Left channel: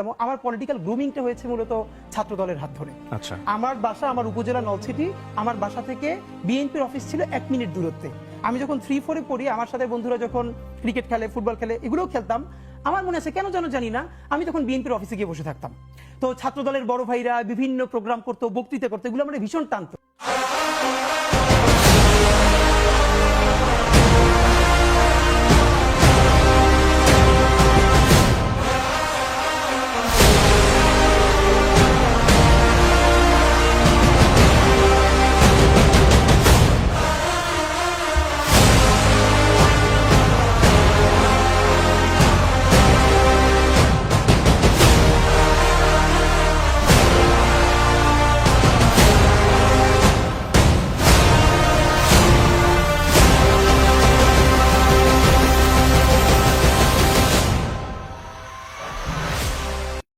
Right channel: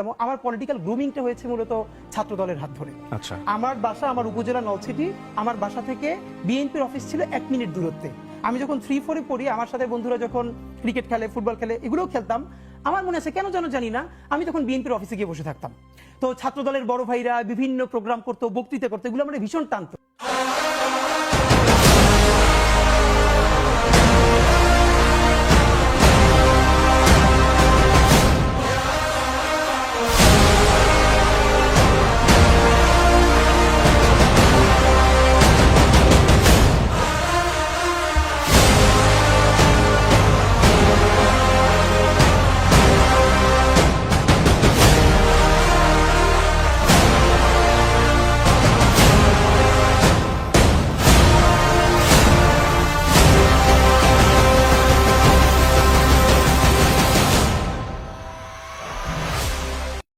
এবং আমার পলিটিক্যাল গ্রুমিংটা হয়েছে মূলত ছাত্র দলের হাত ধরে। আচ্ছা, আমার বাসা আমার উপজেলা নলছিটি, আমার বাসা থেকে বিএনপির অফিস ছিল 1 মিনিট দূরত্বে। আমি যখন 3-4-এ পড়ি, আমার সাথে বন্ধুরা যখন ক্রিকেট খেলে, ফুটবল খেলে, এগুলোও খেলতাম। আমার মনে আছে কেন যেন জানি না, আমি তখন বিএনপির অফিসে গিয়ে বসে থাকতাম। তো ছাত্র দলের বড় ভাইরা বিভিন্ন প্রোগ্রাম করতো, বক্তৃতা করতো, এগুলো আমার ভীষণ টানতো।